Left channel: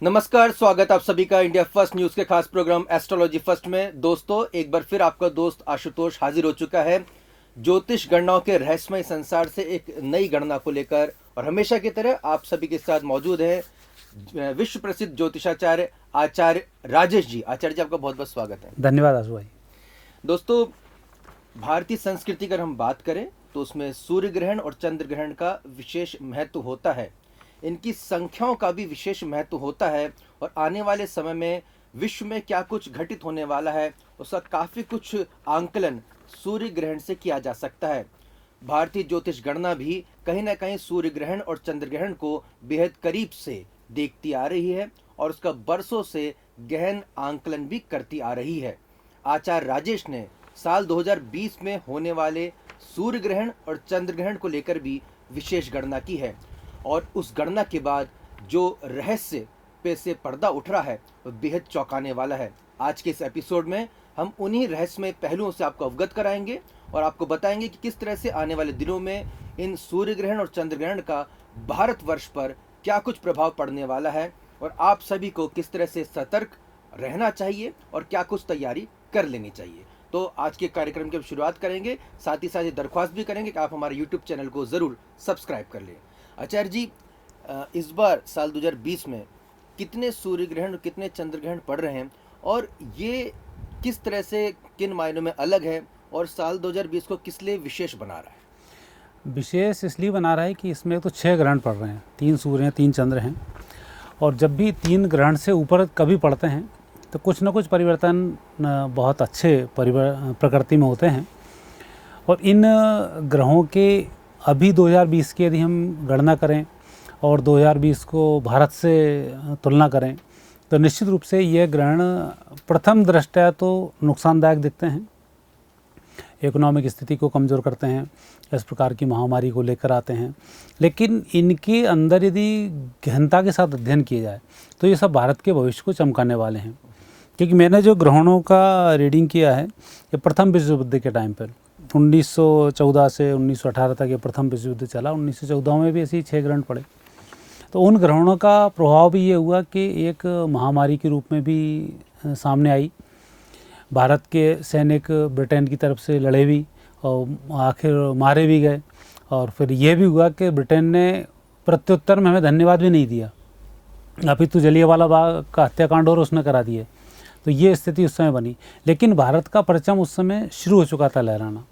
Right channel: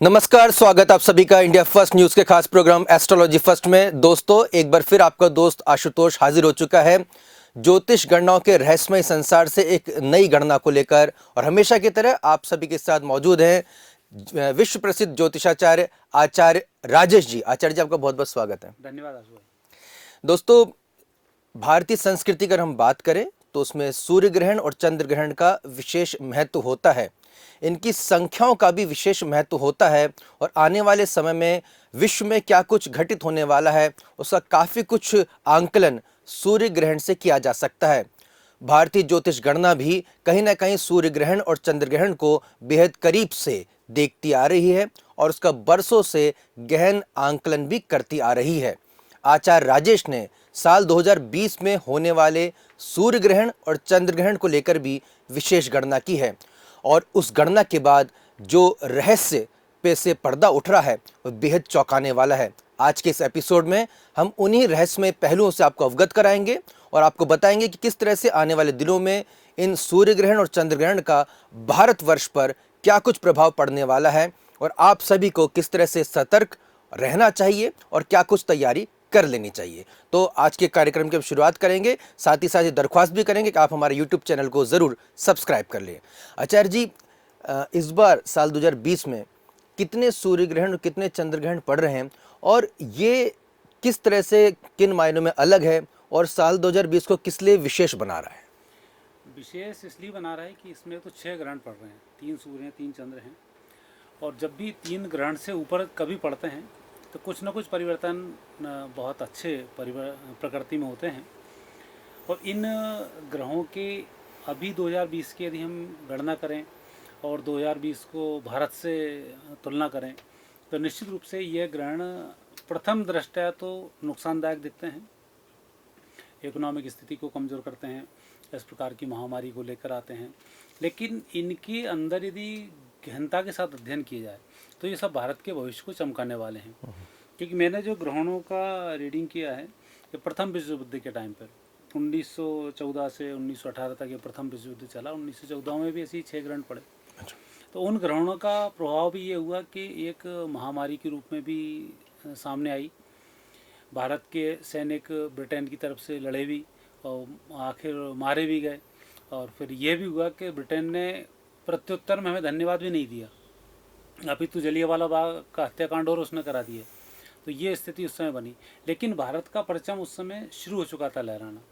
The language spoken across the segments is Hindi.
नमस्कार, स्वागत आप सभी का इंडिया फर्स्ट न्यूज के खास प्रोग्राम एस्ट्रोलॉजी फर्स्ट में। दोस्तों, एक बार फिर आपका दोस्त आशुतोष हाजिर हो चुका है ज्योतिष गणनाओं के रहस्यमय संसार से एक नई गणना को लेकर। और हमेशा की तरह आप सभी के साथ मौजूद हैं विश्व प्रसिद्ध ज्योतिषाचार्य आचार्य राजेश जी। आचार्य जी, आपका बहुत बहुत स्वागत है। धन्यवाद आशु भाई। दोस्तों, भारतीय संस्कृति अगर हम बात करें तो उसमें सूर्य ग्रहण और चंद्र ग्रहण का विशेष महत्व होता है। इनकी संख्याओं का भी विशेष महत्व होता है और आने वाले समय में विश्व में क्या कुछ घटित होने वाला है उसका काफ़ी कुछ आंकलन सूर्य ग्रहण से किया जा सकता है। भारतीय ज्योतिष गणना भी कहीं ना कहीं सूर्य ग्रहण और चंद्र ग्रहण को बेहद करीब से देखती आ रही है और उसका बरसों से गहन आंकलन भी करती आ रही है। आचार्य राजेश ने साल 2020 में होने वाले सूर्य ग्रहण और चंद्र ग्रहण को लेकर भी विशेष गणना की है और उस गणना के बाद जो रहस्य पे से पर्दा उठ रहा है वो बेहद चौंकाने वाला है। आज के इस एपिसोड में हम उन्हीं रहस्यमय पहलुओं से आपको अवगत कराएंगे और आपको बताएंगे कि किस तरह से आने वाले दिनों में इन सूर्य ग्रहण और चंद्र ग्रहण का भारतवर्ष पर क्या कुछ प्रभाव पड़ने वाला है और आप सभी को किस तरह से सतर्क रहना चाहिए और क्या कुछ तैयारी कर लेनी चाहिए। तो आज के कार्यक्रम की हम शुरुआत करेंगे, साथ ही साथ ये दरख्वास्त भी करेंगे कि आप हमारे YouTube चैनल को ज़रूर सब्सक्राइब कर लें। आचार्य जी, इस बार साल 2020 में कितने सूर्य ग्रहण और कितने चंद्र ग्रहण पड़ रहे हैं और ये किस तरह से किन मायनों में अलग है और साल 2020 को किस लिए विशेष बना रहा है? विशेष इसलिए बना रहा है कि इसमें तो 6 ग्रहण पड़ रहे हैं, 3 सूर्य हैं, 3 चंद्र हैं। और जब भी 3 ग्रहण से ऊपर कभी पड़ते हैं तो कुछ न कुछ परिवर्तन बहुत अच्छे प्रकृति में होते हैं। और इन ग्रहों के अभी 2020 की यदि हम गणना करें और 2020 को भारत से तुलना करें तो निश्चित रूप से ये ग्रहण प्रथम दृष्टया तो नुकसानदायक दिखते हैं, इकोनॉमिक स्थिति को कमज़ोर करते हैं, इस प्रकार की महामारी को लेकर आते हैं। लेकिन इनके अंदर यदि गहनता के साथ अध्ययन किया जाए तो ये सब भारत के भविष्य को चमकाने वाले हैं। क्योंकि मैंने जो ग्रहणों का रीडिंग किया है ये प्रथम विश्व युद्ध के टाइम पर 1914 से 1918 तक ये प्रथम विश्व युद्ध चला। 1914 में भी ऐसे ही 6 ग्रहण पड़े। तो उन ग्रहणों का प्रभाव भी ये हुआ कि एक महामारी के रूप में भी सामने आई। भारत के सैनिक ब्रिटेन की तरफ से लड़े भी और आखिर मारे भी गए। और फिर ये भी हुआ कि ब्रिटेन ने प्रत्युत्तर में हमें धन्यवाद भी नहीं दिया, अपितु जलियांवाला बाग का हत्याकांड और उसने करा दिए। तो ये स्थिति उस समय बनी। लेकिन भारत का परचम उस समय शुरू हो चुका था लहराना।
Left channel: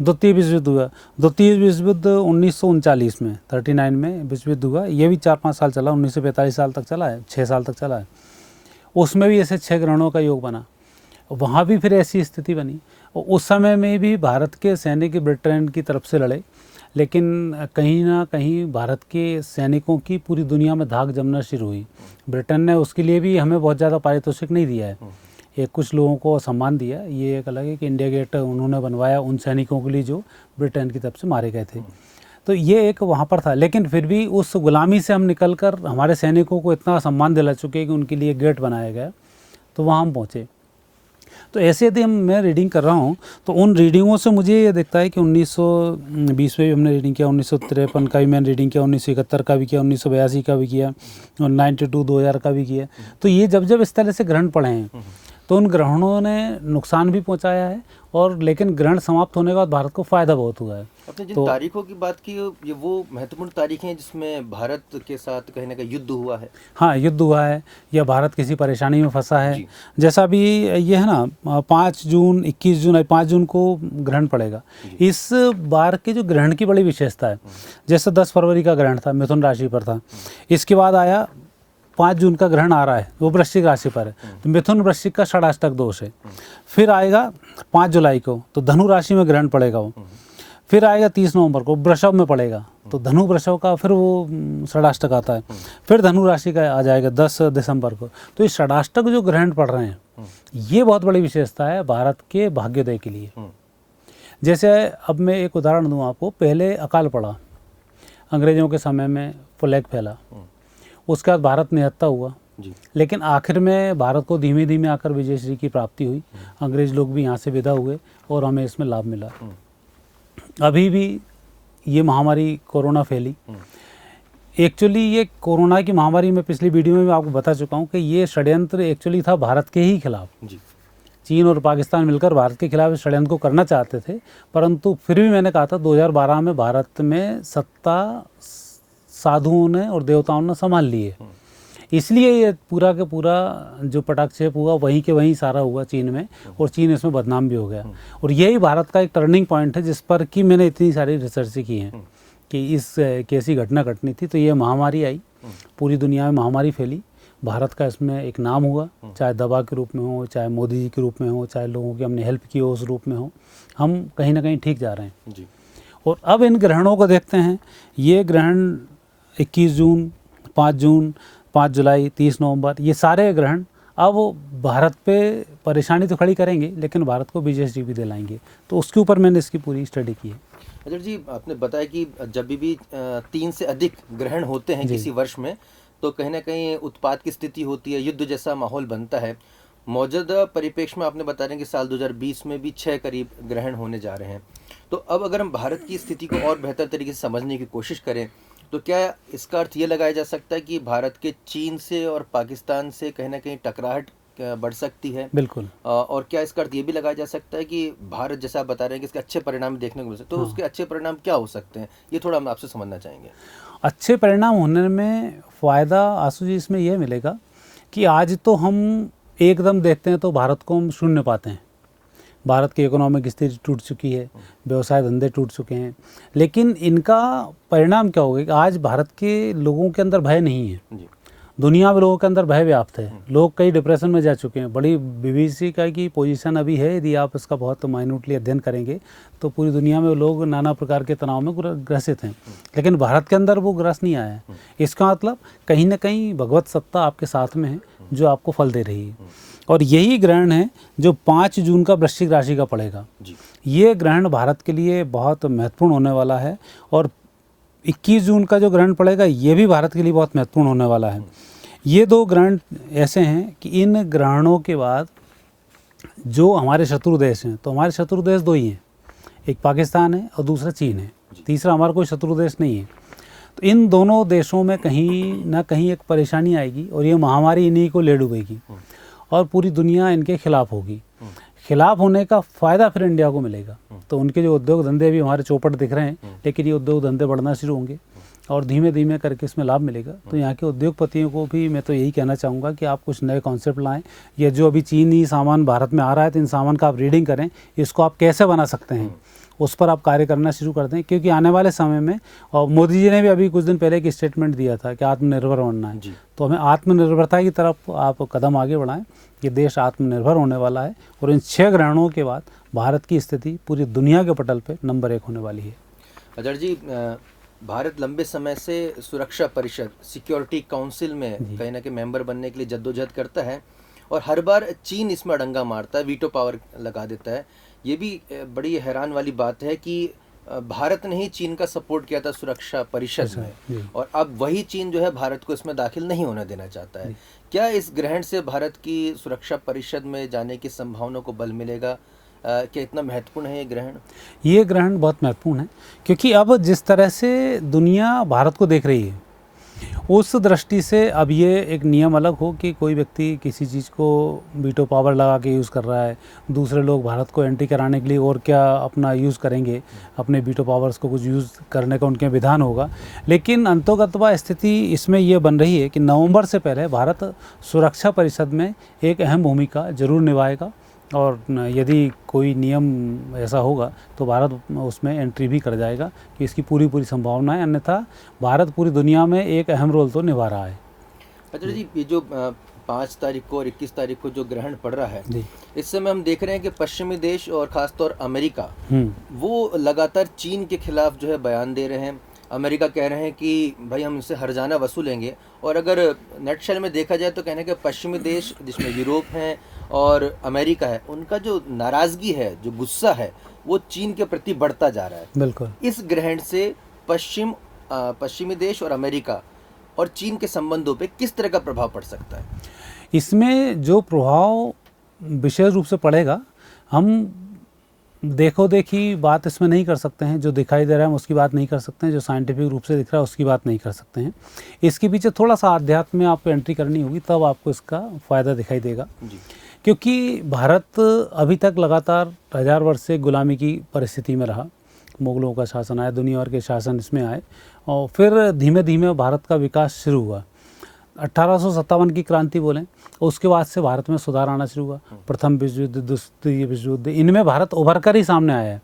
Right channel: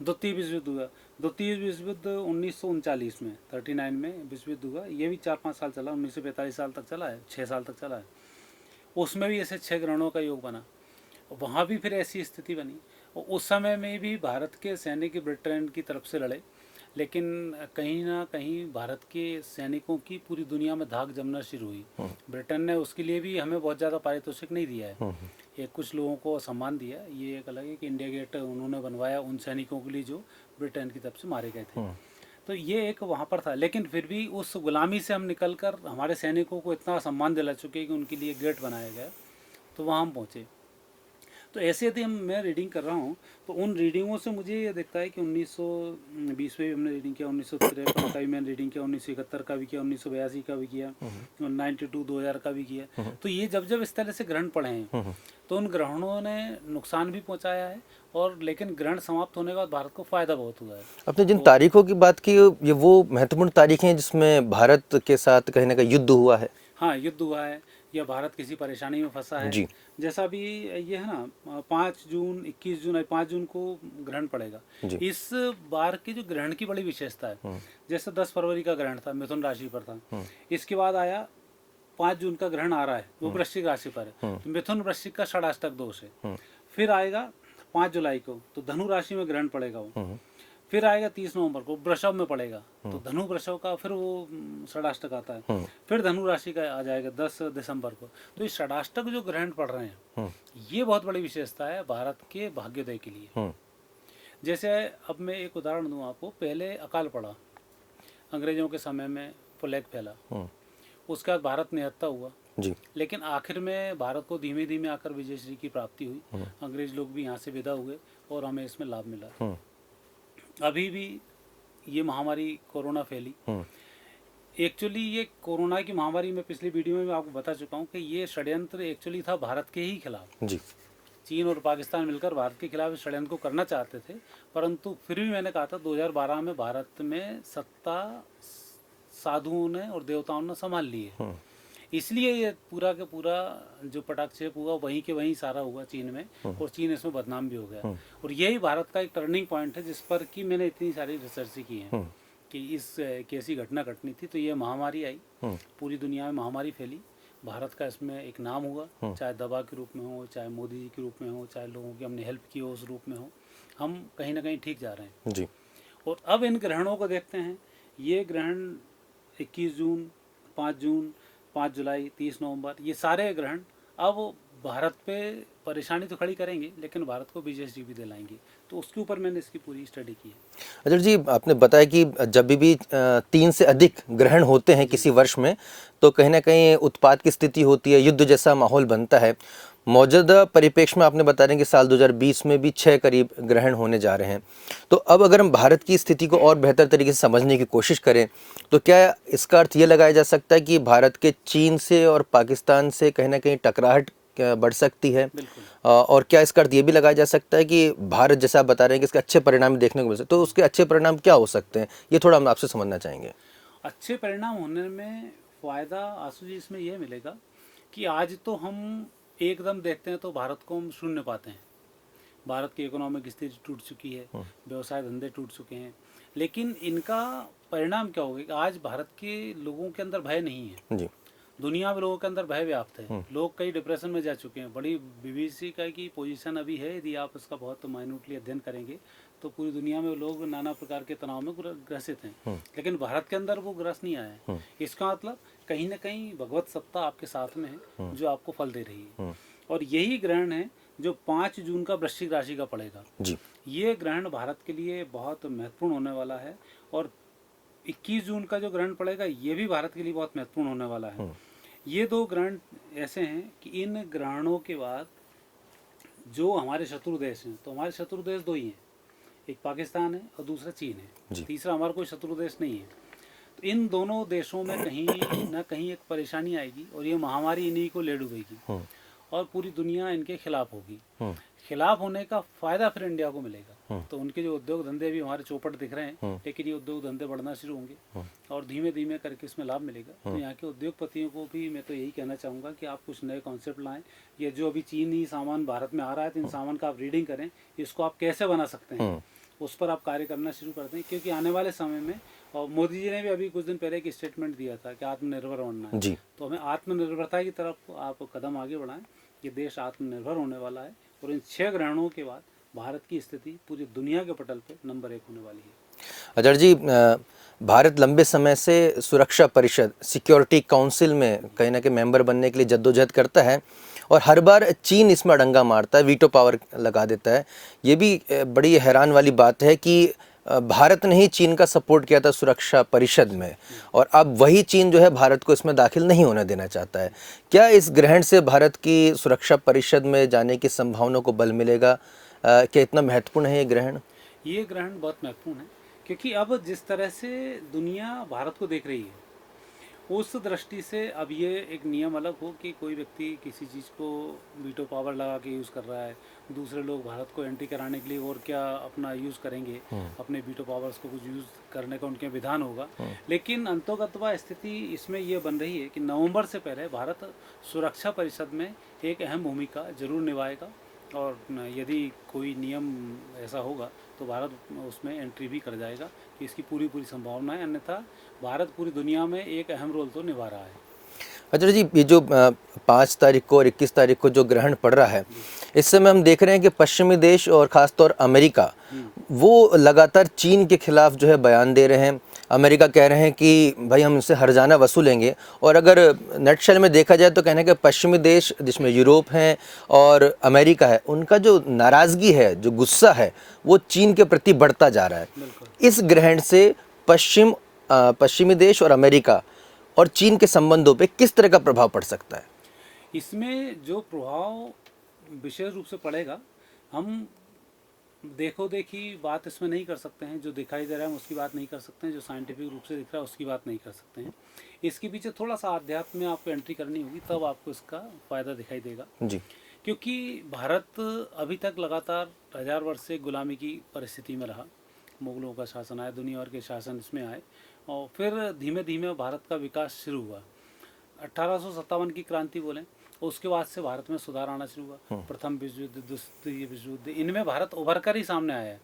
द्वितीय विश्व युद्ध हुआ। द्वितीय विश्व युद्ध 1939 में 39 में विश्व युद्ध हुआ। ये भी 4-5 साल चला, 1945 साल तक चला है, 6 साल तक चला है। उसमें भी ऐसे 6 ग्रहणों का योग बना। वहाँ भी फिर ऐसी स्थिति बनी और उस समय में भी भारत के सैनिक ब्रिटेन की तरफ से लड़े। लेकिन कहीं ना कहीं भारत के सैनिकों की पूरी दुनिया में धाक जमना शुरू हुई। ब्रिटेन ने उसके लिए भी हमें बहुत ज़्यादा पारितोषिक नहीं दिया है, एक कुछ लोगों को सम्मान दिया। ये एक अलग है कि इंडिया गेट उन्होंने बनवाया उन सैनिकों के लिए जो ब्रिटेन की तरफ से मारे गए थे। तो ये एक वहाँ पर था। लेकिन फिर भी उस गुलामी से हम निकल कर हमारे सैनिकों को इतना सम्मान दिला चुके कि उनके लिए गेट बनाया गया, तो वहाँ हम पहुँचे। तो ऐसे यदि मैं रीडिंग कर रहा हूँ तो उन रीडिंगों से मुझे ये दिखता है कि 1920 में भी हमने रीडिंग किया, 1953 का भी मैंने रीडिंग किया, 1971 का भी किया, 1982 का भी किया और 92 2000 का भी किया। तो ये जब जब इस तरह से ग्रहण पड़े हैं तो उन ग्रहणों ने नुकसान भी पहुंचाया है और लेकिन ग्रहण समाप्त होने के बाद भारत को फ़ायदा बहुत हुआ है। आपने जिन तारीखों की बात की ये वो महत्वपूर्ण तारीखें हैं जिसमें भारत के साथ कहीं ना कहीं युद्ध हुआ है। हाँ, युद्ध हुआ है या भारत किसी परेशानी में फंसा है। जैसा अभी ये है ना 5 जून 21 जून 5 जून को ग्रहण पड़ेगा। इस बार के जो ग्रहण की बड़ी विशेषता है, जैसे 10 फरवरी का ग्रहण था, मिथुन राशि पर था। इसके बाद आया 5 जून का ग्रहण आ रहा है, वो वृश्चिक राशि पर है, तो मिथुन वृश्चिक का षडाष्टक दोष है। फिर आएगा 5 जुलाई को तो धनु राशि में ग्रहण पड़ेगा वो। फिर आएगा 30 नवंबर को वृषभ में पड़ेगा, तो धनु वृषभ का फिर वो षडाष्टक आता है। फिर धनु राशि का आ जाएगा 10 दिसंबर को। तो ये षडाष्टक जो ग्रहण पड़ रहे हैं ये बहुत बड़ी विशेषता है भारत के भाग्योदय के लिए। जैसे अब मैं एक उदाहरण दूँ आपको। पहले अकाल पड़ा, अंग्रेजों के समय में प्लेग फैला, उसके बाद भारत निहत्था हुआ जी। लेकिन आखिर में भारत को धीमे धीमे आकर विजयश्री की प्राप्ति हुई, अंग्रेज लोग भी यहाँ से विदा हुए और हमें इसमें लाभ मिला। अभी भी ये महामारी कोरोना फैली, एक्चुअली ये कोरोना की महामारी में पिछली वीडियो में मैं आपको बता चुका हूँ कि ये षड्यंत्र एक्चुअली था भारत के ही खिलाफ। जी। चीन और पाकिस्तान मिलकर भारत के खिलाफ इस षड्यंत्र को करना चाहते थे, परंतु फिर भी मैंने कहा था 2012 में भारत में सत्ता साधुओं ने और देवताओं ने संभाल ली है, इसलिए ये पूरा के पूरा जो पटाक्षेप हुआ वहीं के वहीं सारा हुआ चीन में, और चीन इसमें बदनाम भी हो गया। और यही भारत का एक टर्निंग पॉइंट है जिस पर कि मैंने इतनी सारी रिसर्च की हैं कि इस कैसी घटना घटनी थी। तो ये महामारी आई, पूरी दुनिया में महामारी फैली, भारत का इसमें एक नाम हुआ, चाहे दवा के रूप में हो, चाहे मोदी जी के रूप में हो, चाहे लोगों की हमने हेल्प की हो उस रूप में हो, हम कहीं ना कहीं ठीक जा रहे हैं जी। और अब इन ग्रहणों को देखते हैं। ये ग्रहण 21 जून, 5 जून, 5 जुलाई, 30 नवंबर, ये सारे ग्रहण अब भारत पे परेशानी तो खड़ी करेंगे, लेकिन भारत को विजय भी दिलाएंगे। तो उसके ऊपर मैंने इसकी पूरी स्टडी की है। अजय जी, आपने बताया कि जब भी 3 से अधिक ग्रहण होते हैं किसी वर्ष में, तो कहीं ना कहीं उत्पात की स्थिति होती है, युद्ध जैसा माहौल बनता है। मौजूदा परिप्रेक्ष्य में आपने बता रहे हैं कि साल 2020 में भी 6 करीब ग्रहण होने जा रहे हैं। तो अब अगर हम भारत की स्थिति को और बेहतर तरीके से समझने की कोशिश करें, तो क्या इसका अर्थ ये लगाया जा सकता है कि भारत के चीन से और पाकिस्तान से कहीं ना कहीं टकराहट बढ़ सकती है? बिल्कुल। और क्या इसका अर्थ ये भी लगाया जा सकता है कि भारत, जैसा आप बता रहे हैं कि इसके अच्छे परिणाम देखने को मिल सकते हैं, तो उसके अच्छे परिणाम क्या हो सकते हैं, ये थोड़ा हम आपसे समझना चाहेंगे। अच्छे परिणाम होने में फ़ायदा आशु जी इसमें यह मिलेगा कि आज तो हम एकदम देखते हैं तो भारत को हम शून्य पाते हैं। भारत की इकोनॉमिक स्थिति टूट चुकी है, व्यवसाय धंधे टूट चुके हैं, लेकिन इनका परिणाम क्या होगा कि आज भारत के लोगों के अंदर भय नहीं है जी। दुनिया में लोगों के अंदर भय व्याप्त है, लोग कई डिप्रेशन में जा चुके हैं। बड़ी बीबीसी का की पोजीशन अभी है, यदि आप इसका बहुत माइन्यूटली अध्ययन करेंगे तो पूरी दुनिया में लोग नाना प्रकार के तनाव में ग्रसित हैं, लेकिन भारत के अंदर वो ग्रस्त नहीं आया है। इसका मतलब कहीं ना कहीं भगवत सत्ता आपके साथ में है जो आपको फल दे रही है। और यही ग्रहण है जो 5 जून का वृश्चिक राशि का पड़ेगा जी। ये ग्रहण भारत के लिए बहुत महत्वपूर्ण होने वाला है, और 21 जून का जो ग्रहण पड़ेगा ये भी भारत के लिए बहुत महत्वपूर्ण होने वाला है। ये 2 ग्रहण ऐसे हैं कि इन ग्रहणों के बाद जो हमारे शत्रु देश हैं, तो हमारे शत्रु देश 2 ही हैं, एक पाकिस्तान है और दूसरा चीन है, तीसरा हमारा कोई शत्रु देश नहीं है। तो इन दोनों देशों में कहीं ना कहीं एक परेशानी आएगी और ये महामारी इन्हीं को ले डूबेगी और पूरी दुनिया इनके खिलाफ होगी। खिलाफ होने का फ़ायदा फिर इंडिया को मिलेगा। तो उनके जो उद्योग धंधे भी हमारे चौपट दिख रहे हैं, लेकिन ये उद्योग धंधे बढ़ना शुरू होंगे और धीमे धीमे करके इसमें लाभ मिलेगा। तो यहाँ के उद्योगपतियों को भी मैं तो यही कहना चाहूँगा कि आप कुछ नए कॉन्सेप्ट लाएं। ये जो अभी चीनी सामान भारत में आ रहा है, तो इन सामान का आप रीडिंग करें, इसको आप कैसे बना सकते हैं, उस पर आप कार्य करना शुरू कर दें। क्योंकि आने वाले समय में, और मोदी जी ने भी अभी कुछ दिन पहले एक स्टेटमेंट दिया था कि आत्मनिर्भर बनना है, तो हमें आत्मनिर्भरता की तरफ आप कदम आगे बढ़ाएं। ये देश आत्मनिर्भर होने वाला है और इन 6 ग्रहणों के बाद भारत की स्थिति पूरी दुनिया के पटल पे नंबर 1 होने वाली है। अजय जी, भारत लंबे समय से सुरक्षा परिषद, सिक्योरिटी काउंसिल में कहीं ना कहीं मेंबर बनने के लिए जद्दोजहद करता है और हर बार चीन इसमें अड़ंगा मारता है, वीटो पावर लगा देता है। ये भी बड़ी हैरान वाली बात है कि भारत ने ही चीन का सपोर्ट किया था सुरक्षा परिषद में, और अब वही चीन जो है भारत को इसमें दाखिल नहीं होने देना चाहता है। क्या इस ग्रहण से भारत की सुरक्षा परिषद में जाने की संभावना को बल मिलेगा? क्या इतना महत्वपूर्ण है ये ग्रहण? ये ग्रहण बहुत महत्वपूर्ण है क्योंकि अब जिस तरह से दुनिया भारत को देख रही है, उस दृष्टि से अब ये एक नियम अलग हो कि कोई व्यक्ति किसी चीज़ को वीटो पावर लगा के यूज़ कर रहा है, दूसरे लोग भारत को एंटी कराने के लिए और क्या अपना यूज़ करेंगे, अपने वीटो पावर्स को कुछ यूज़ करने का उनके विधान होगा। लेकिन अंतोगत्वा स्थिति इसमें ये बन रही है कि नवंबर से पहले भारत सुरक्षा परिषद में एक अहम भूमिका जरूर निभाएगा, और यदि कोई नियम ऐसा होगा तो भारत उसमें एंट्री भी कर जाएगा कि इसकी पूरी संभावना है। अन्यथा भारत पूरी दुनिया में एक अहम रोल तो निभा रहा है। अच्छा जी, ये जो 5 तारीख को और 21 तारीख को जो ग्रहण पड़ रहा है, इस समय हम देख रहे हैं कि पश्चिमी देश और ख़ासतौर अमेरिका वो लगातार चीन के खिलाफ जो है बयान दे रहे हैं। अमेरिका कह रहे हैं कि भाई हम इनसे हर्जाना वसूलेंगे, और अगर नटशेल में देखा जाए तो कहने के पश्चिमी देश जिसमें यूरोप है और अमेरिका है, उनका जो नाराज़गी है, जो गुस्सा है, वो चीन के प्रति बढ़ता जा रहा है। बिल्कुल। इस ग्रहण से पश्चिमी देश और अमेरिका और चीन के संबंधों पे किस तरह का प्रभाव पड़ सकता है? इसमें जो प्रभाव विशेष रूप से पड़ेगा, हम देखो देखी बात इसमें नहीं कर सकते हैं, जो दिखाई दे रहा है हम उसकी बात नहीं कर सकते हैं, जो साइंटिफिक रूप से दिख रहा है उसकी बात नहीं कर सकते हैं। इसके पीछे थोड़ा सा अध्यात्म में आपको एंट्री करनी होगी, तब आपको इसका फ़ायदा दिखाई देगा जी। क्योंकि भारत अभी तक लगातार 1000 वर्ष से गुलामी की परिस्थिति में रहा। मुगलों का शासन आया, दुनिया भर के शासन इसमें आए और फिर धीमे धीमे भारत का विकास शुरू हुआ। 1857 की क्रांति बोलें, उसके बाद से भारत में सुधार आना शुरू हुआ। प्रथम विश्व युद्ध, द्वितीय विश्व युद्ध, इनमें भारत उभर कर ही सामने आया है।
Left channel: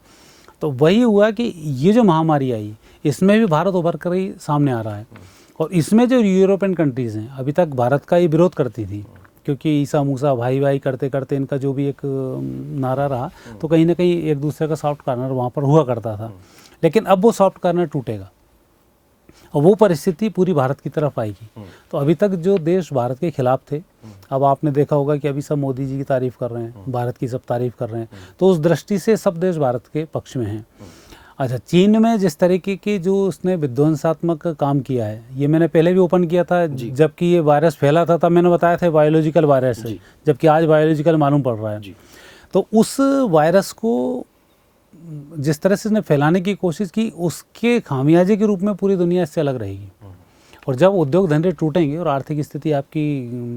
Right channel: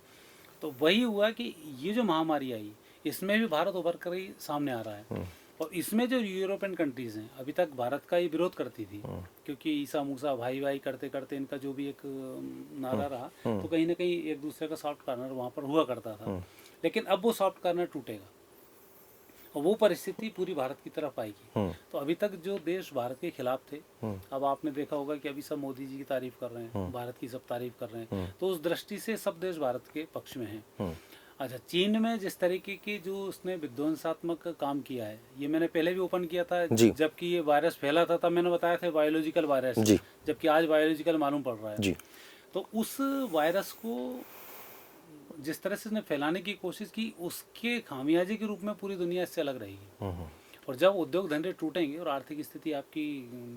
तो वही हुआ कि ये जो महामारी आई, इसमें भी भारत उभर कर ही सामने आ रहा है। और इसमें जो यूरोपियन कंट्रीज़ हैं, अभी तक भारत का ये विरोध करती थी, क्योंकि ईसा मूसा भाई भाई करते करते इनका जो भी एक नारा रहा, तो कहीं ना कहीं एक दूसरे का सॉफ्ट कॉर्नर वहाँ पर हुआ करता था। लेकिन अब वो सॉफ्ट कॉर्नर टूटेगा और वो परिस्थिति पूरी भारत की तरफ आएगी। तो अभी तक जो देश भारत के खिलाफ थे, अब आपने देखा होगा कि अभी सब मोदी जी की तारीफ कर रहे हैं, भारत की सब तारीफ कर रहे हैं, तो उस दृष्टि से सब देश भारत के पक्ष में हैं। अच्छा, चीन में जिस तरीके की जो उसने विध्वंसात्मक काम किया है, ये मैंने पहले भी ओपन किया था, जबकि ये वायरस फैला था तब मैंने बताया था बायोलॉजिकल वायरस है, जबकि आज बायोलॉजिकल मालूम पड़ रहा है। तो उस वायरस को जिस तरह से इसने फैलाने की कोशिश की, उसके खामियाजे के रूप में पूरी दुनिया इससे अलग रहेगी। और जब उद्योग धंधे टूटेंगे और आर्थिक स्थिति आपकी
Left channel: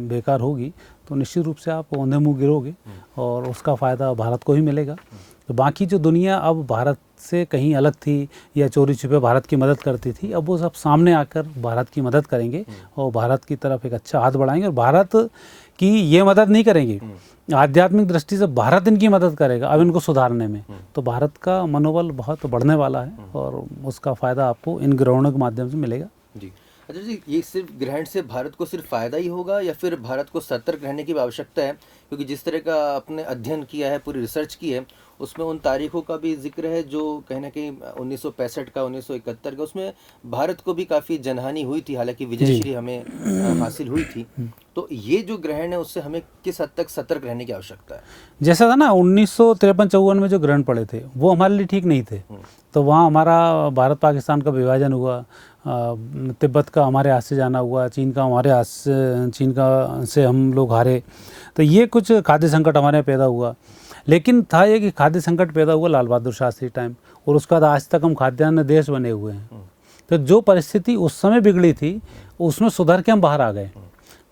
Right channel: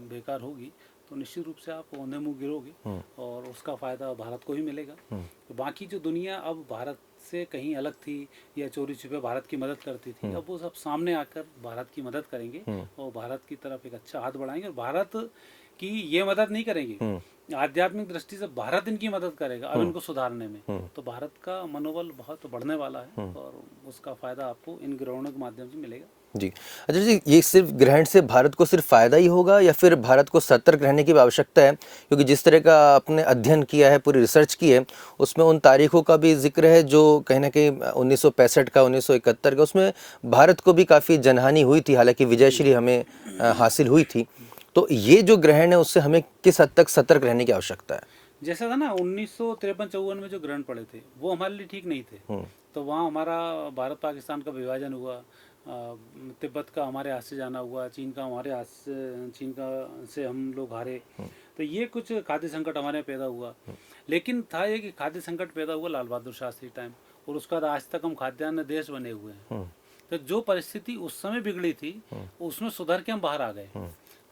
बेकार होगी, तो निश्चित रूप से आप औंधे मुँह गिरोगे और उसका फ़ायदा भारत को ही मिलेगा। तो बाकी जो दुनिया अब भारत से कहीं अलग थी या चोरी छुपे भारत की मदद करती थी, अब वो सब सामने आकर भारत की मदद करेंगे और भारत की तरफ एक अच्छा हाथ बढ़ाएंगे। और भारत की ये मदद नहीं करेंगे, आध्यात्मिक दृष्टि से भारत इनकी मदद करेगा अब इनको सुधारने में। तो भारत का मनोबल बहुत बढ़ने वाला है और उसका फ़ायदा आपको इन ग्रहणों के माध्यम से मिलेगा। जी। अच्छा जी, ये सिर्फ ग्रहण से भारत को सिर्फ फायदा ही होगा या फिर भारत को सतर्क रहने की भी आवश्यकता है? क्योंकि जिस तरह का आपने अध्ययन किया है, पूरी रिसर्च की है, उसमें उन तारीखों का भी जिक्र है जो कहीं ना कहीं 1965 का, 1971 का, उसमें भारत को भी काफ़ी जनहानि हुई थी, हालांकि विजयश्री हमें हासिल हुई थी। तो ये जो ग्रहण है उससे हमें किस हद तक सतर्क रहने की आवश्यकता है? जैसा था ना 1953-54 में जो ग्रहण पड़े थे, वो हमारे लिए ठीक नहीं थे। तो वहाँ हमारा भारत पाकिस्तान का विभाजन हुआ, तिब्बत का हमारे हाथ से जाना हुआ, चीन का हमारे हाथ से, चीन का से हम लोग हारे। तो ये कुछ खाद्य संकट हमारे यहाँ पैदा हुआ। लेकिन था ये कि खाद्य संकट पैदा हुआ लाल बहादुर शास्त्री टाइम, और उसके बाद आज तक हम खाद्यान्न देश बने हुए हैं। तो जो परिस्थिति उस समय बिगड़ी थी, उसमें सुधर के हम बाहर आ गए।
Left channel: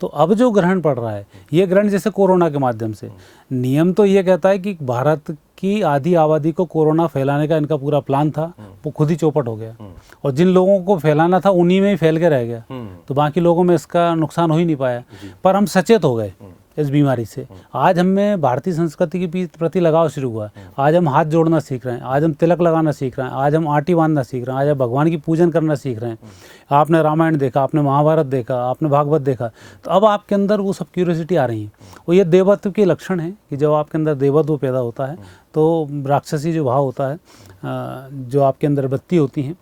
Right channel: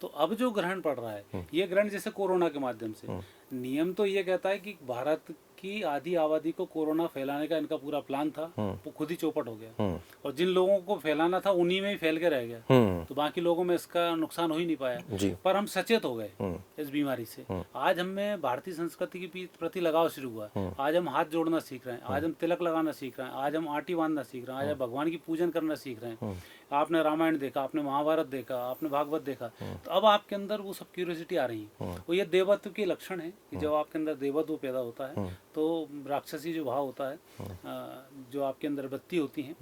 तो अब जो ग्रहण पड़ रहा है, ये ग्रहण जैसे कोरोना के माध्यम से, नियम तो ये कहता है कि भारत की आधी आबादी को कोरोना फैलाने का इनका पूरा प्लान था, वो खुद ही चौपट हो गया। और जिन लोगों को फैलाना था उन्हीं में ही फैल के रह गया, तो बाकी लोगों में इसका नुकसान हो ही नहीं पाया। पर हम सचेत हो गए इस बीमारी से। आज हमें भारतीय संस्कृति के प्रति लगाव शुरू हुआ। आज हम हाथ जोड़ना सीख रहे हैं, आज हम तिलक लगाना सीख रहे हैं, आज हम आटी बांधना सीख रहे हैं, आज हम भगवान की पूजन करना सीख रहे हैं। आपने रामायण देखा, आपने महाभारत देखा, आपने भागवत देखा, तो अब आपके अंदर वो सब क्यूरियोसिटी आ रही है। और ये देवत्व के लक्षण है कि जब आपके अंदर देवत्व पैदा होता है तो राक्षसी जो भाव होता है, जो आपके अंदर वृत्ति होती हैं,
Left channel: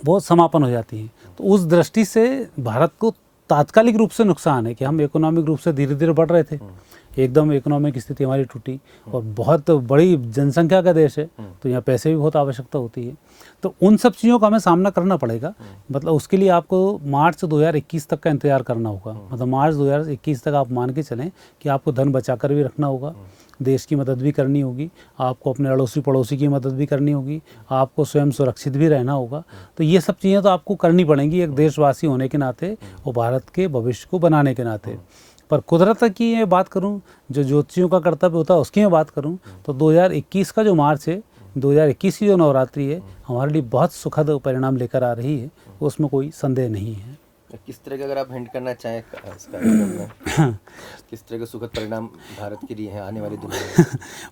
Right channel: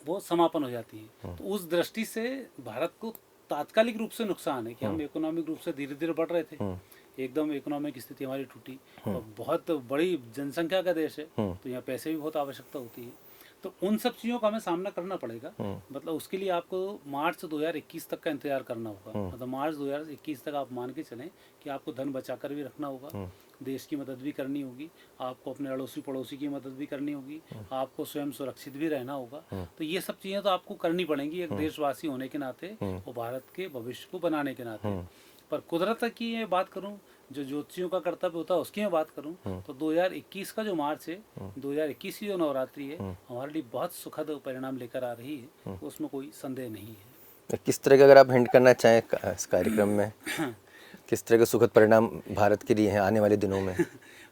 वो समापन हो जाती है। तो उस दृष्टि से भारत को तात्कालिक रूप से नुकसान है कि हम इकोनॉमिक रूप से धीरे धीरे बढ़ रहे थे, एकदम इकोनॉमिक स्थिति हमारी टूटी, और बहुत बड़ी जनसंख्या का देश है, तो यहाँ पैसे भी बहुत आवश्यकता होती है। तो उन सब चीज़ों का हमें सामना करना पड़ेगा। मतलब उसके लिए आपको मार्च 2021 तक का इंतजार करना होगा। मतलब मार्च 2021 तक आप मान के चलें कि आपको धन बचा कर भी रखना होगा, देश की मदद भी करनी होगी, आपको अपने अड़ोसी पड़ोसी की मदद भी करनी होगी, आपको स्वयं सुरक्षित भी रहना होगा। तो ये सब चीज़ें तो आपको करनी पड़ेंगी एक देशवासी होने के नाते और भारत के भविष्य को बनाने के नाते। पर कुदरत की ये बात करूं, जो ज्योतिषियों का कर्तव्य होता है उसकी मैं बात करूं, तो 2021 का जो मार्च है, 2021 की जो नवरात्रि है, हमारे लिए बहुत सुखद परिणाम लेकर आ रही है, उसमें कोई संदेह नहीं है। किस तरह का, अगर आप हिंट करना चाहें इस कार्यक्रम में, किस तरह के सुखद परिणाम भारत के लिए हैं आने वाले दिनों में?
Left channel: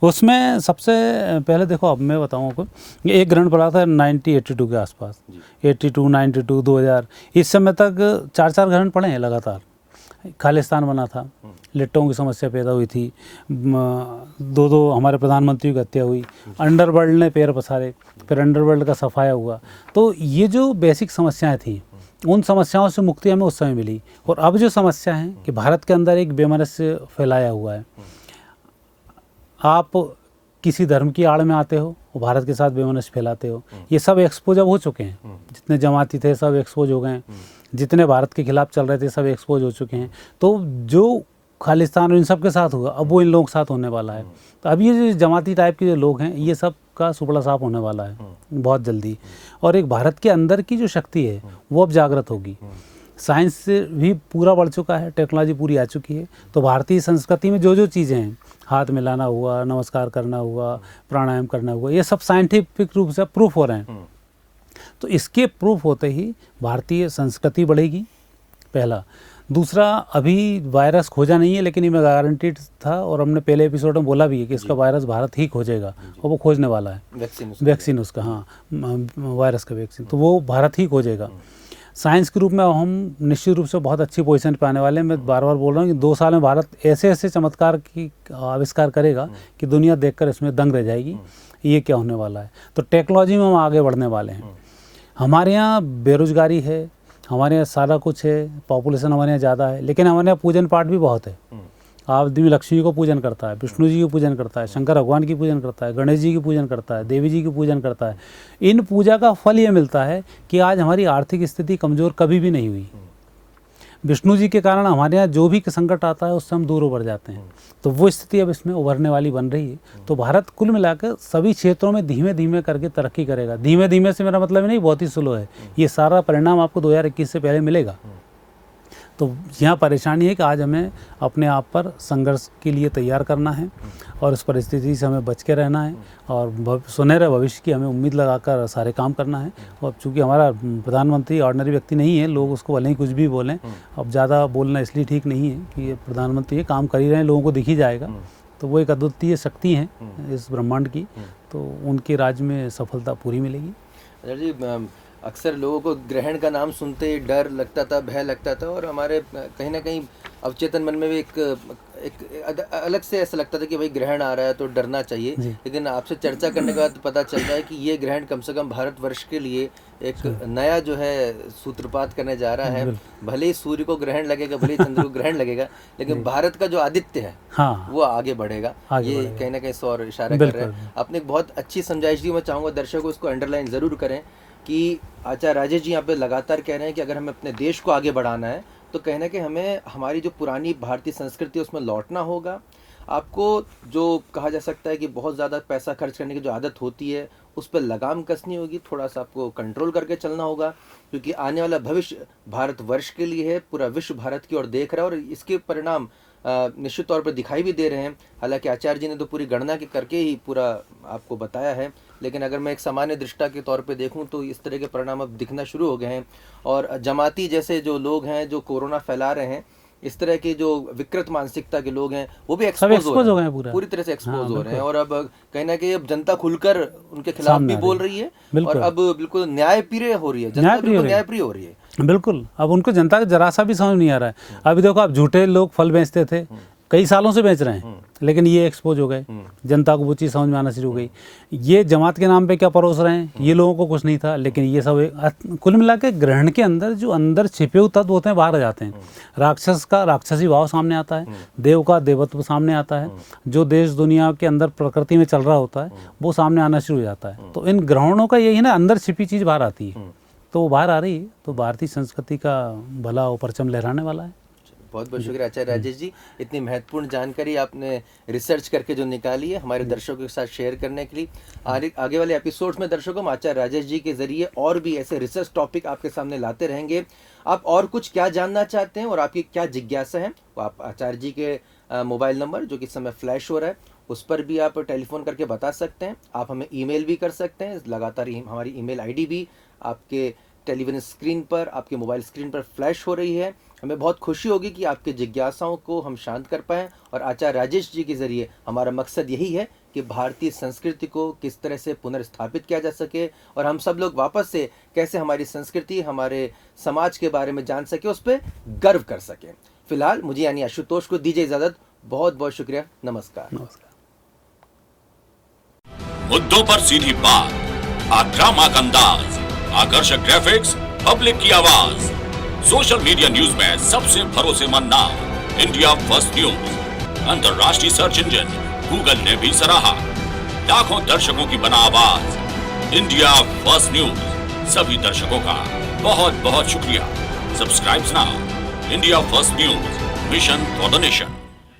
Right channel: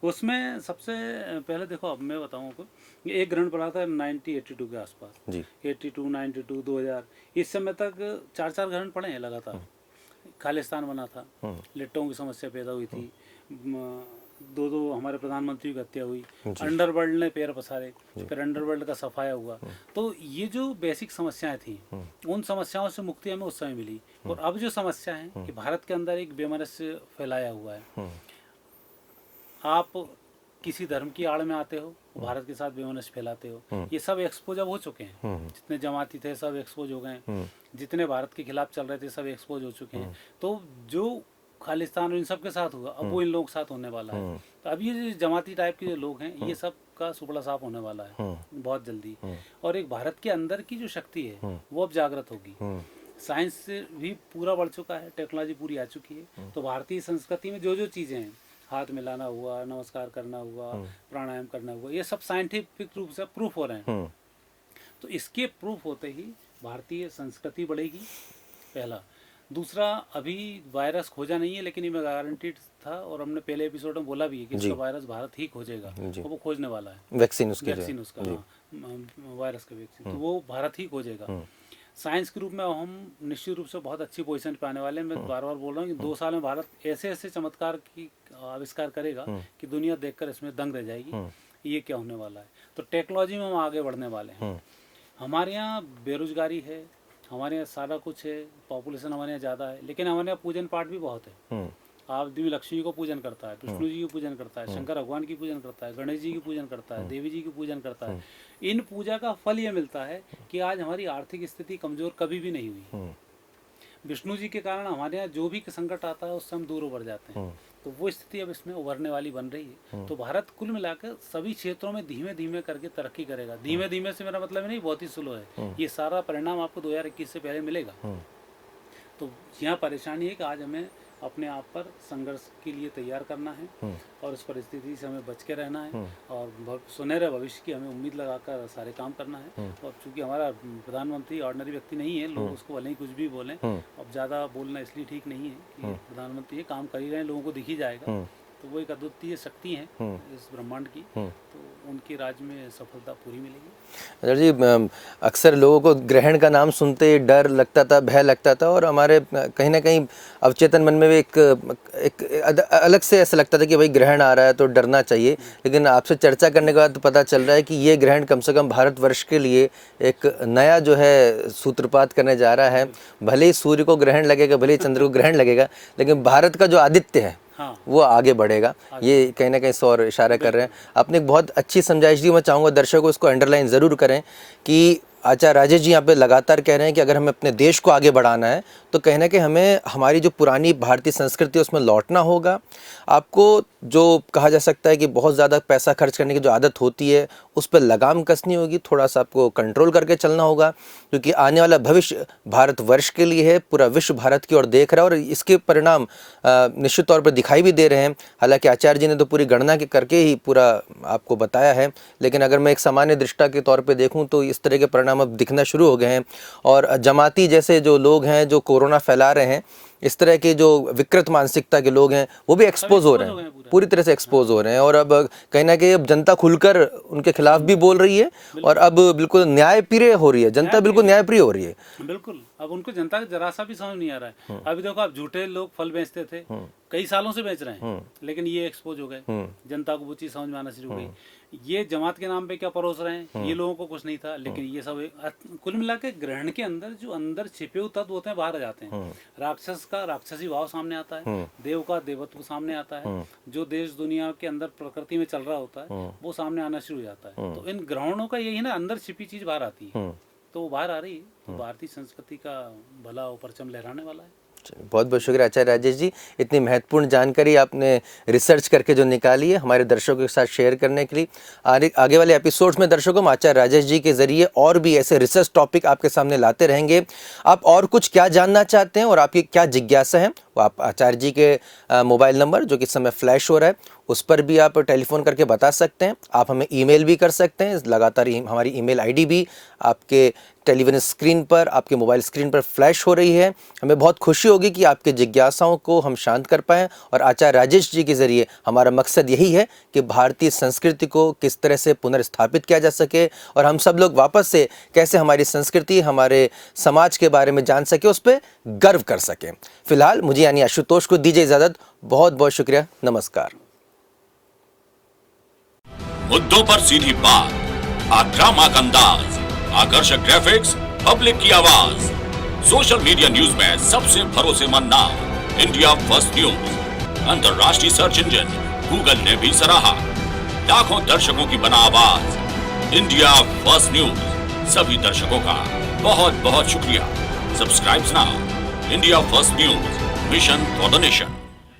उसमें सबसे पहले देखो, अब मैं बताऊँ आपको, एक ग्रहण पड़ा था 1982 के आसपास, 82, 92, 2000, इस समय तक 4 ग्रहण पड़े हैं लगातार। खालिस्तान बना था, लिट्टों की समस्या पैदा हुई थी, 2 हमारे प्रधानमंत्री की हत्या हुई, अंडरवर्ल्ड ने पैर पसारे, फिर अंडरवर्ल्ड का सफाया हुआ। तो ये जो बेसिक समस्याएं थी, उन समस्याओं से मुक्ति हमें उस समय मिली। और अब जो समस्या है कि भारत के अंदर एक बेमनस्य फैलाया हुआ है। आप किसी धर्म की आड़ में आते हो और भारत के साथ बेमनस्य फैलाते हो, ये सब एक्सपोज अब हो चुके हैं। जितने जमाती थे सब एक्सपोज हो गए हैं, जितने भारत के खिलाफ चल रहे थे सब एक्सपोज हो चुके हैं। तो जो खालिस्तान और इन सब के साथ हुआ, अब वो इन लोगों के साथ होने वाला है। तो अब ये जो जमाती टाइप के जो लोग हैं, ये सब का सुपड़ा साफ होने वाला है बहुत जल्दी। और एक भारत के अंदर की जो शक्ति है वो अब जागृत होगी। साइंस से भी पूरा बढ़ चुका है, टेक्नोलॉजी पूरी आ चुकी है। तो भारतीय संस्कृति में जो जो चीज़ें हैं, हाथ मिलाना हुआ, नमस्कार करना हुआ, प्राणायाम करना हुआ, ये सब साइंटिफिक रूप से प्रूफ हो रहे हैं। तो इसके प्रूफ होते ही भारतीय संस्कृति बढ़ेगी, पहला। दूसरा, अभी वायरस खोजा नहीं है, लेकिन ये मैं गारंटीड था और हमने पहले एपिसोड में बोला भी है कि इसका वायरस भारत ही खोजेगा और वो खोजने वाला है। वैक्सीन उसका, हाँ, वायरस का वैक्सीन, तो वो भारत ही खोजेगा। साइंस के रूप में हम निश्चित रूप से बहुत अच्छी पोजीशन पे आने वाले हैं। मैं बार बार बोल रहा हूँ कि 2 साल में भारत ऐसे ऐसे चमत्कार की आविष्कार करेगा कि दुनिया देखकर इसमें दंग रह जाएगी, ये क्या होने वाला है। तो टेक्नोलॉजी में हम आगे बढ़ने वाले हैं। हमारे यहाँ बेरोजगारी है, हमारे यहाँ सारा कुछ है, पॉपुलेशन हमारे यहाँ ज़्यादा है, लेकिन हमारे यहाँ पूजन पाठ भी बहुत है। आदमी लक्ष्मी को पूजन करता है, विष्णु जी की पूजन करता है, शंकर भगवान की पूजन करता है, गणेश जी की पूजन करता है, देवी जी की पूजन करता है। इन पूजा का फल ये मिलता है कि आज हमारी आर्थिक स्थिति कमज़ोर कभी भी नहीं हुई। विष्णु जी के कारण हमारे यहाँ जो भी संकट आता है उससे हम दूर उबर जाते हैं। तो वो स्थिति अब इसमें उभरने वाली बन रही है। तो भारत कुल मिलाकर सभी क्षेत्रों में धीमे धीमे करके तरक्की करेगा। धीमे धीमे से मेरा मतलब नहीं बहुत ही स्लो है, ये सारा परिणाम आपको 2021 से पहले मिलेगा। तो यहाँ परेशानी है कि आज हमें अपने आप पर संघर्ष के लिए तैयार करना है और उस परिस्थिति से हमें बच के रहना है और सुनहरे भविष्य की हमें उम्मीद लगाकर सारे काम करना है। और चूँकि हमारा प्रधानमंत्री ऑर्डिनरी व्यक्ति नहीं है, लोग उसको भले ही कुछ भी बोलें, अब ज़्यादा बोलना इसलिए ठीक नहीं है कि ये प्रधानमंत्री ये काम कर ही रहे हैं, लोगों को दिख ही जाएगा। तो वो एक अद्वितीय शक्ति है इस ब्रह्मांड की, तो उनके राज में सफलता पूरी मिलेगी। जी, अक्सर लोगों को ग्रहण का नाम सुनते डर लगता था, भय लगता था और हमारे कहीं ना कहीं अवचेतन मन में भी एक अलग से ऐसा लगता था कि भाई ग्रहण आ रहा है तो डरना चाहिए। लेकिन आपसे चर्चा करने के बाद पता चल रहा है कि ये ग्रहण कम से कम भारतवर्ष के लिए एक नया जो है सूत्रपात करने जा रहा है। भले ही सूर्य को ग्रहण लगेगा, भले ही चंद्र को ग्रहण लगेगा, लेकिन भारत का जो आदित्य है वो आगे बढ़ेगा। ये कहीं ना कहीं सौर इशारा कर रहे हैं। आपने एक बहुत अच्छी समझाइश दी, मैं चाहूँगा दर्शकों को इसको अंडरलाइन ज़रूर करें कि आचार्य राजेश जी यहाँ पे लगातार कह रहे हैं कि अगर हमें अपने देश को आगे बढ़ाना है तो कहीं ना कहीं हमें हमारी जो पुरानी भारतीय संस्कृति है उसमें लौटना होगा। आपको जो कहा जा सकता है कि बहुत ज़्यादा पैसा खर्च करने की जो आदत होती है उस पर लगाम कसनी होगी, थोड़ा सा आपको कंट्रोल करके चलना होगा, क्योंकि आने वाला भविष्य भारतवर्ष के लिए है। पूरा विश्व भारत की ओर देख रहा है और इसके परिणाम निश्चित तौर पर दिखाई भी दे रहे हैं। हालांकि आचार्य जी ने तो पूरी गणना करके ही पूरा आपको बताया है, लेकिन अगर मैं एक सामान्य दृष्टा के तौर पे देखूं तो इस तरह के परिणाम अब दिखना शुरू हो गए हैं। और जमाती जैसे जो लोग हैं जो कोरोना फैला रहे हैं, इस तरह के जो विकृत मानसिकता के लोग हैं वो भी एक्सपोज हो रहे हैं, पूरी तरह से एक्सपोज हो रहे हैं। और अब कहीं ना कहीं अब जनता खुलकर उनके खिलाफ भी बोल रही है और अब बिल्कुल न्यायप्रिय हो रही है, जनता बिल्कुल न्यायप्रिय हो रही है। बिल्कुल, अब उनको जनता का जरा सा भी समझ नहीं आ रहा है। अभी देखो, आप झूठे लोग फल बेचते थे, कई सालों से बेच रहे हैं, लेकिन ये एक्सपोज हो गए, जनता को वो चीज़ समझ में आना शुरू हो गई। ये जमात के नाम पे क्या परोस रहे हैं, ये लोगों को कुछ नहीं था, लेकिन ये सब कुल मिला के ग्रहण के अंदर जो अंदर छिपे हुए तत्व होते हैं बाहर आ जाते हैं। राक्षस का राक्षसी भाव सामने आता है, देव का देवत्व सामने आता है, जो देश दुनिया के अंदर प्रकृति में चल रहा होता है वो सामने आना शुरू हो जाता है। तो इन ग्रहणों का यही ना, अंदर छिपी चीज़ बाहर आती है, तो वो बाहर आ रही है। तो भारतीय संस्कृति का भला वो परचम लहराने वाला है। बहुत बहुत शुक्रिया आचार्य राजेश जी, इतनी महत्वपूर्ण जानकारी आपने रिसर्च करके जो निकाली है हमारे दर्शकों के साथ शेयर करने के लिए। आगे वाले एपिसोड्स में दर्शकों हम आचार्य राजेश जी के जरिए और भी ऐसे रिसर्च टॉपिक आपके सामने लाते रहेंगे। आप और कुछ क्या जानना चाहते हैं और आपकी क्या जिज्ञासा है, वो आप आचार्य जी के मोबाइल नंबर जो कि इस समय फ्लैश हो रहा है उस पर भी आप टेलीफोन करके बता सकते हैं। आप हमें ईमेल भी कर सकते हैं, लगातार हमारी ईमेल आईडी भी आपके टेलीविजन स्क्रीन पर, आपके मोबाइल स्क्रीन पर फ्लैश हो रही है। हमें बहुत खुशी होगी कि आपके जिज्ञासाओं को हम शांत कर पाएँ और आचार्य राजेश जी के ज़रिए हमारा मकसद यही है कि भारतीय संस्कृति को किस तरह से पुनर्स्थापित किया जा सके और हम सब लोग वापस से कैसे हमारी संस्कृति, हमारे समाज के बारे में जान सके, उस पर गर्व कर सकें। फिलहाल मुझे यानी आशुतोष को दीजिए इजाज़त। बहुत बहुत शुक्रिया, नमस्कार। मुद्दों पर सीधी बात, आक्रामक अंदाज, आकर्षक ग्राफिक्स, पब्लिक की आवाज। सोशल मीडिया न्यूज में सबसे भरोसेमंद नाम, इंडिया फर्स्ट न्यूज। अंतर्राष्ट्रीय सर्च इंजन गूगल ने भी सराहा। लाखों दर्शकों की बना आवाज, इंडिया फर्स्ट न्यूज। सभी दर्शकों का बहुत बहुत शुक्रिया। Subscribe now. India first news, mission for the nation.